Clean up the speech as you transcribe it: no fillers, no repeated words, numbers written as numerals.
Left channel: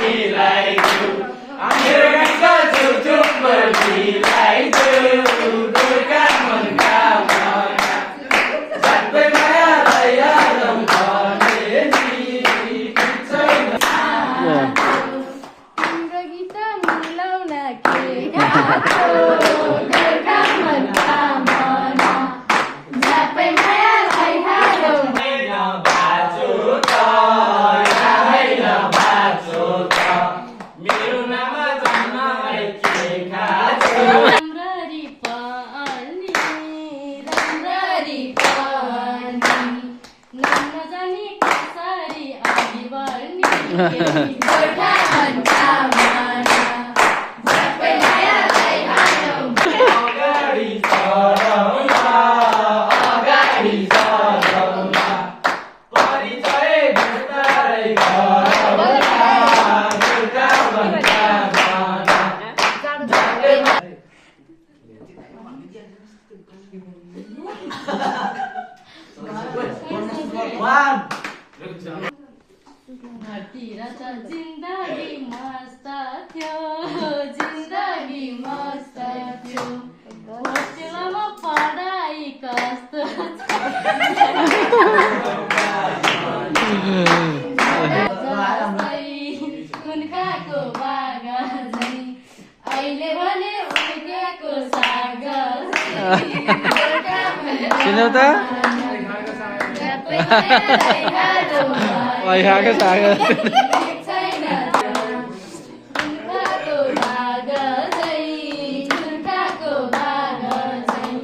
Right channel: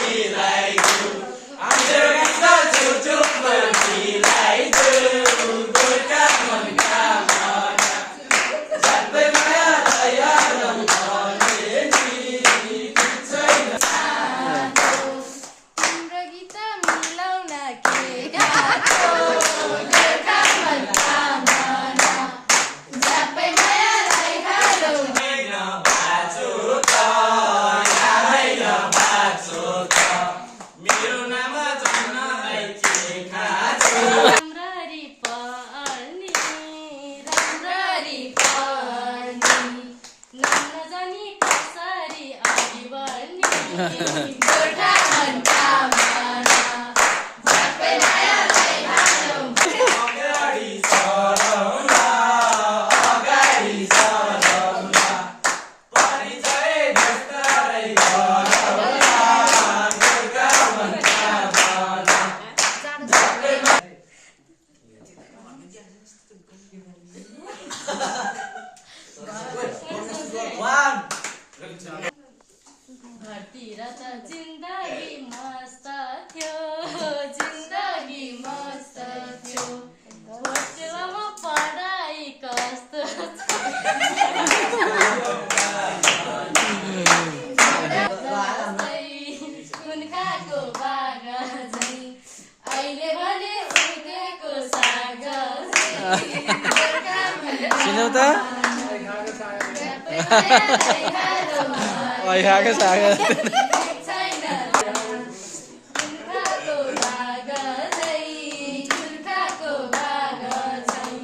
मिलाइदेऊ मेरो गाईको छेउछेउमा मिलाइदेऊ गोर्खा मनका भावना झट्टै मायालाई हालौँ भने नि छैन तिम्रो गीत मिलाउन के गाको गोर्खा मनका भावना झट्टै मायालाई हालौँ मेरो नाम जन्मलाई के खाछ राम्ररी पर्नी नाम नजानी कसरी अघि बढ्ने गोर्खा मनका भावना झट्टै मायालाई हालौँ अगाडि सराउला परिचय बिस्तारै गरौँला गोर्खा मनका भावना धरती र त जिन्दगी मस्त थियो होस्टेलमा पढाइ कस्तो कुन खाको बाग झै अहिले भने उर्केको साग सुन्यौ त खाएको साग